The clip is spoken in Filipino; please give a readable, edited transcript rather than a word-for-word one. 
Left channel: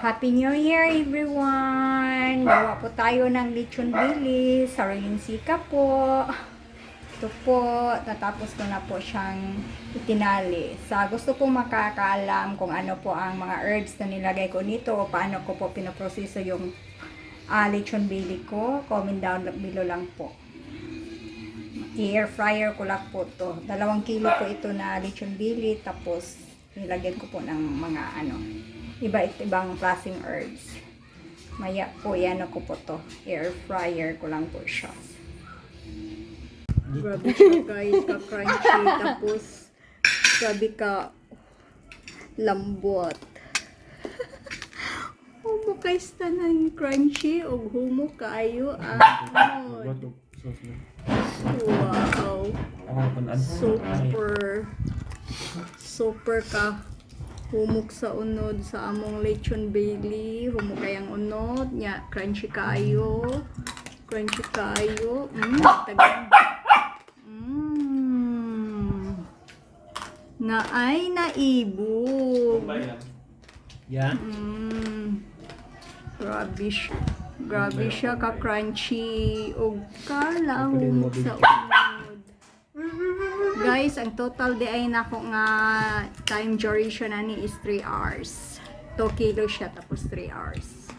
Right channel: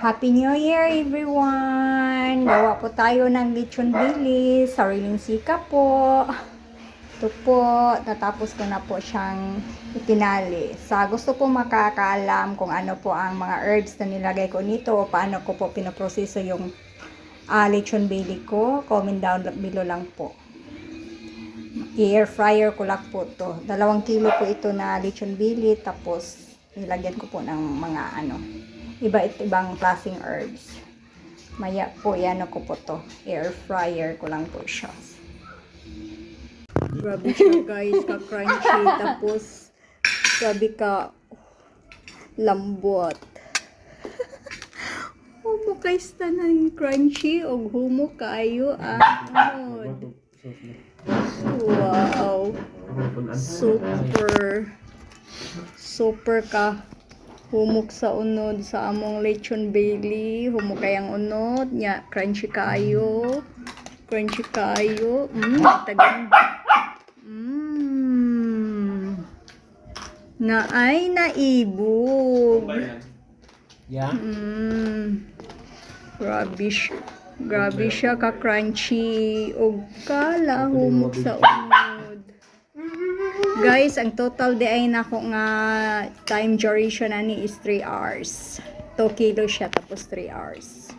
Happy New Year everyone! Gawa po tayo ng lechon bilis, sariling sika po. Ito po, natapos ko na po siyang itinali. Sa gusto po makakaalam kung ano po ang mga herbs na nilagay ko nito o paano ko po pinaproseso yung lechon bili ko, comment down below lang po. I-air fryer ko lang po to. 2 kilo po ito na lechon bili, tapos nilagyan ko po ng mga ibang klaseng herbs. Maya po, yan ko po to. Air fryer ko lang po siya. Grabe siya guys, ka-crunchy. Tapos, grabe ka lambot. Humo guys, tanan crunchy o humo kayo. Wow. Super ka humok sa unod sa among lechon Bailey. Humok kayang unod nya, crunchy kayo tagang na ay naibog. Grabe siya ka crunchy og kala humok sa unod. Guys, ang total di ay nako nga time duration ani is 3 hours. 2 kilo siya tapos 3 hours.